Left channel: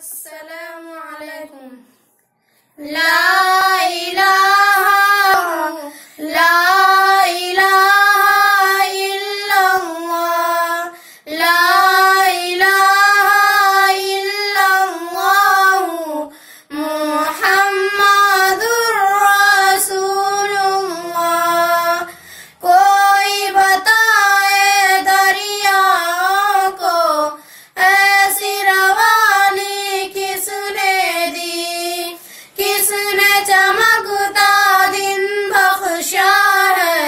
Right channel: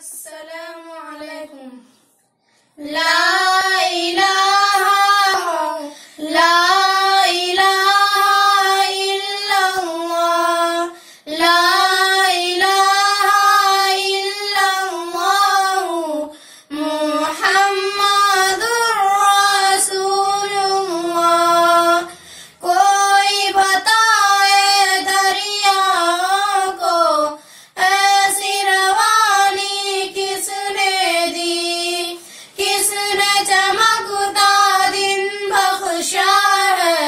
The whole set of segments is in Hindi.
अस्सलामु अलैकुम। ला इलाहा इल्लल्लाह, ला इलाहा इल्लल्लाह, मुहम्मदुर रसूलुल्लाह। कोई बताए दरियाओं को ऐसी रवानी किसने दी, किसने चमकता दिन बख्शा है,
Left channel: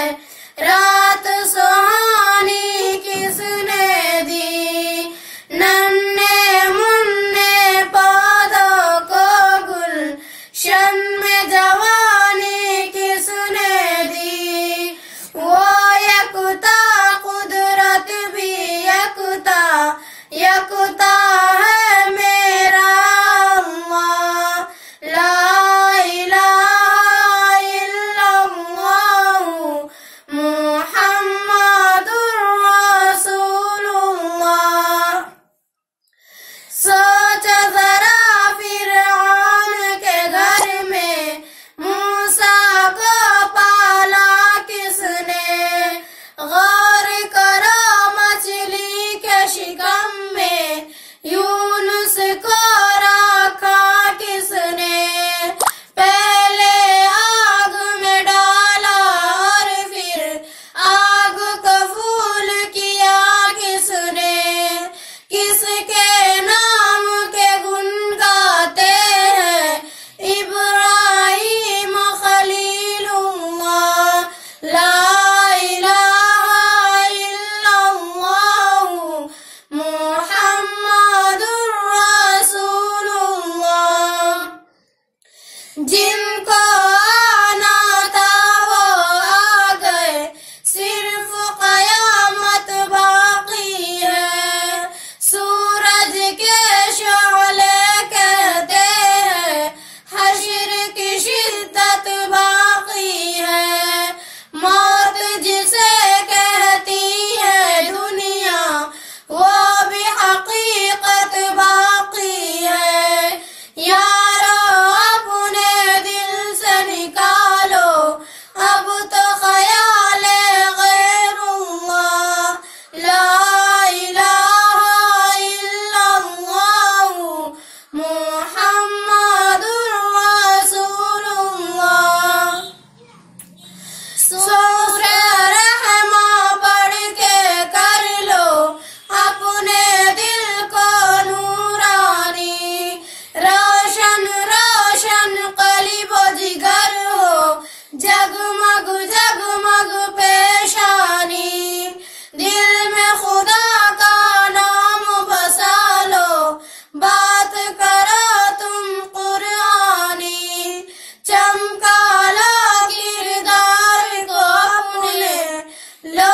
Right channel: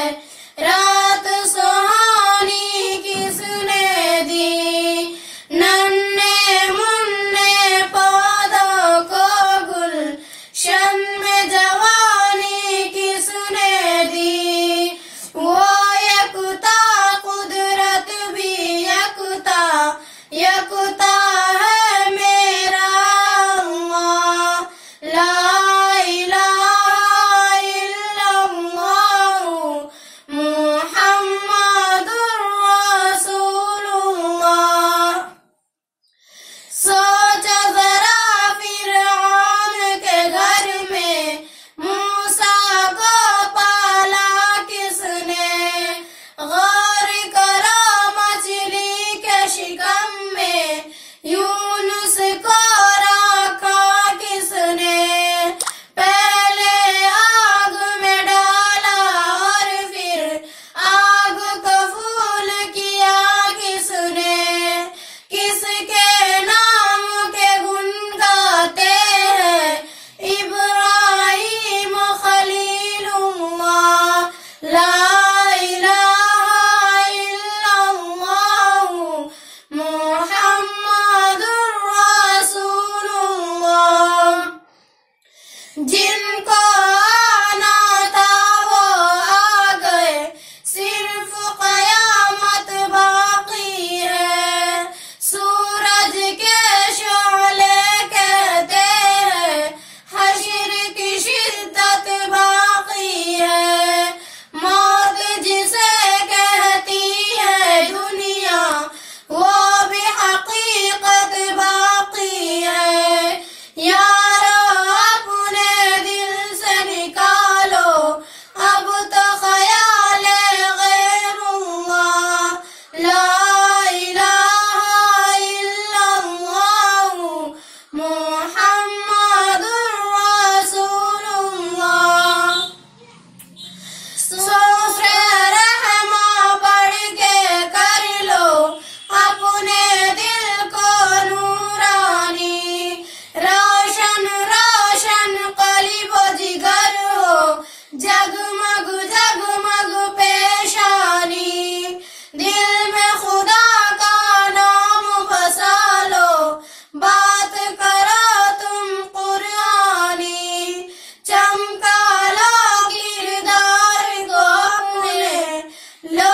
रात सुहानी किसने दी। नन्हे मुन्ने पौधों को गुलशन में जवानी किसने दी। वो यकता कुदरत भी यकता, यकता है मेरा अल्लाह। ला इलाहा इल्लल्लाह, मुहम्मदुर रसूलुल्लाह। सोच जरा फिरऔन के घर में मूसा को पाला किसने। गौर करो मछली के शिकम में यूनुस को रखा किसने। पहले आग में डाला और फिर आग को फूल किया किसने। किसके नाम के गुण गाते हैं इब्राहीम खलीलुल्लाह। ला इलाहा इल्लल्लाह, मुहम्मदुर रसूलुल्लाह। जिनको आना था वो आ गए, सिर्फ कयामत बाकी है। सूरज के शोले कहते हैं हश्र की शिद्दत बाकी है। मौत जिसे कहती है दुनिया, वो भी हकीकत बाकी है। यारो अपने दिल से निकालो अब तो ख्याल गैरुल्लाह। ला इलाहा इल्लल्लाह, मुहम्मदुर रसूलुल्लाह। सूरे रहमा पढ़ के कर लो अपने दिल को नूरानी। रोशन रोशन कलीबो जिगर हो, जगमग जगमग पेशानी। दिल में खुदा का नाम बसा लो, बात करो तुम कुरानी। चमका लो किरदार को अपने, लो